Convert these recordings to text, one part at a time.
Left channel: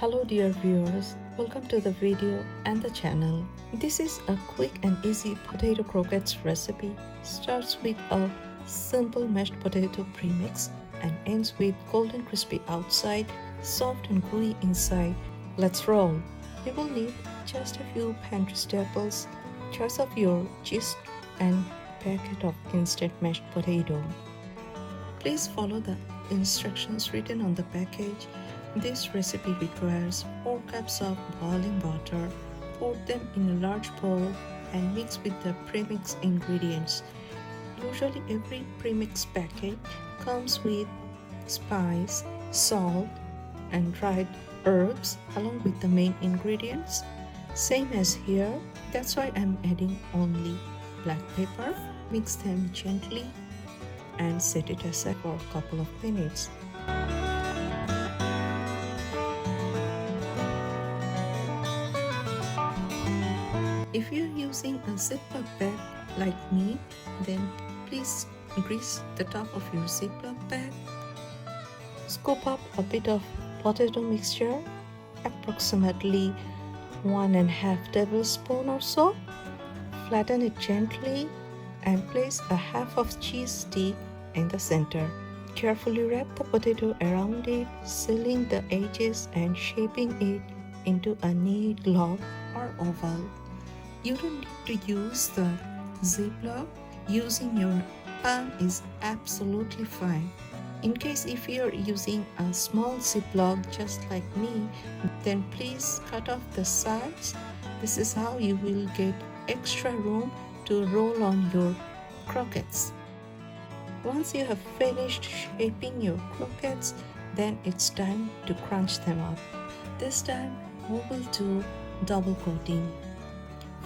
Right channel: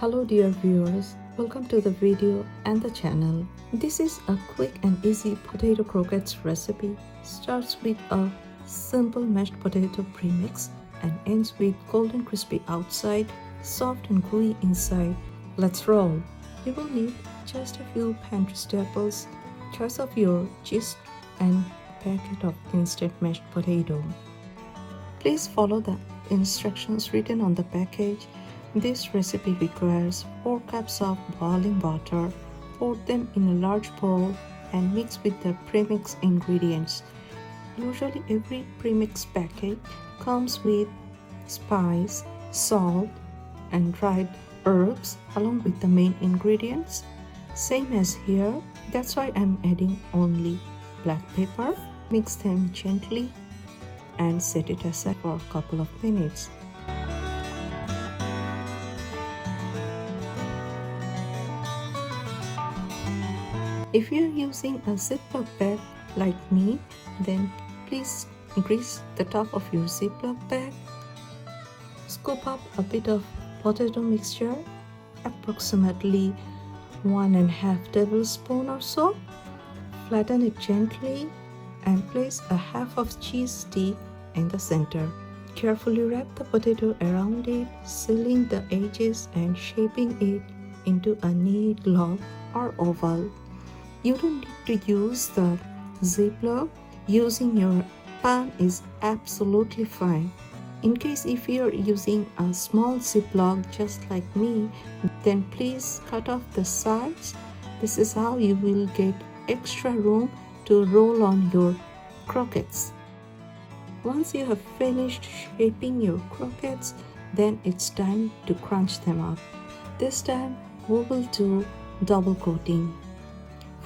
Hello dear viewers, welcome to the video and the channel. This is a quick and easy potato croquettes recipe. Starts with a simple mashed potato premix and ends with golden crispy outside, soft and gooey inside. Let's roll. You will need just a few pantry staples, choice of your cheese and packet of instant mashed potato. Please follow the instructions written on the package. This recipe requires 4 cups of boiling water. Pour them in a large bowl and mix with the premix ingredients. Usually every premix packet comes with spice, salt and dried herbs along with the main ingredients. Same as here, that's why I'm adding only black pepper. Mix them gently and set it aside for a couple of minutes. If you're using a Ziploc bag like me, then please grease the top of your Ziploc bag. Scoop up a bit of potato mixture, approximately 1.5 tablespoons or so. Flatten it gently and place a half of cheese stick in the center. Carefully wrap the potato around it, sealing the edges and shaping it into a neat log or oval. You don't need to use the Ziploc. Using your palm is absolutely fine. In case if you're using a small Ziploc just like me, then please cut off the sides. This is how you will get extra room to roll on your croquettes. Once you have finished shaping your croquettes, then it's time to crunch them up. This time we will do double coating.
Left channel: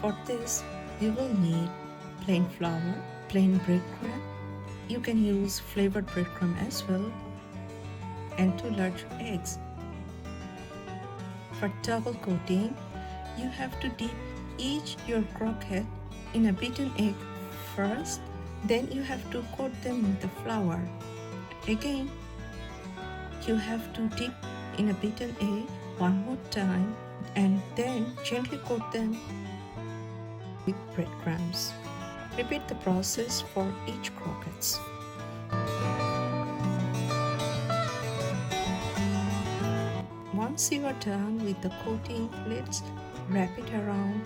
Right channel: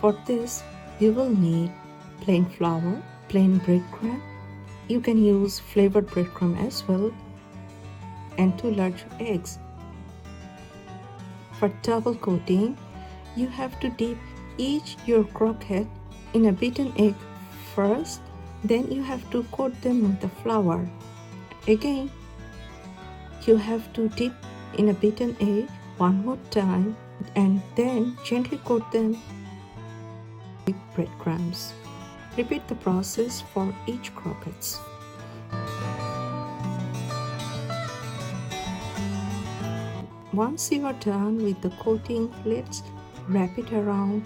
For this, you will need plain flour, plain breadcrumb. You can use flavored breadcrumb as well, and 2 large eggs. For double coating, you have to dip each your croquette in a beaten egg first, then you have to coat them with the flour. Again, you have to dip in a beaten egg one more time and then gently coat them with breadcrumbs. Repeat the process for each croquettes. Once you are done with the coating, let's wrap it around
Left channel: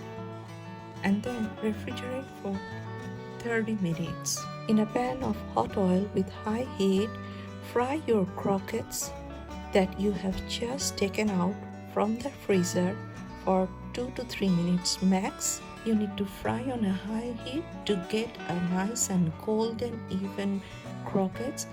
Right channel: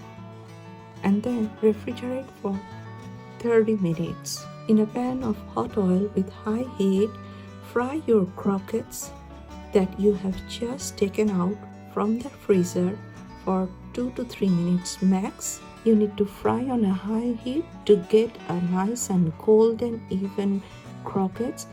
and then refrigerate for 30 minutes. In a pan of hot oil with high heat, fry your croquettes that you have just taken out from the freezer for 2 to 3 minutes max. You need to fry on a high heat to get a nice and golden even croquettes.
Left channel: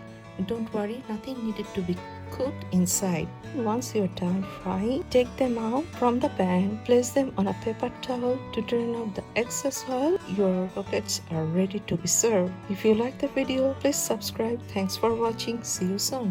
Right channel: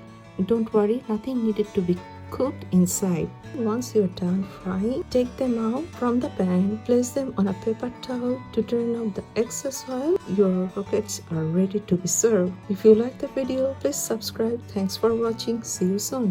Don't worry, nothing needed to be cooked inside. Once you're done frying, take them out from the pan, place them on a paper towel to drain out the excess oil. Your croquettes are ready to be served. If you like the video, please subscribe. Thanks for watching. See you soon.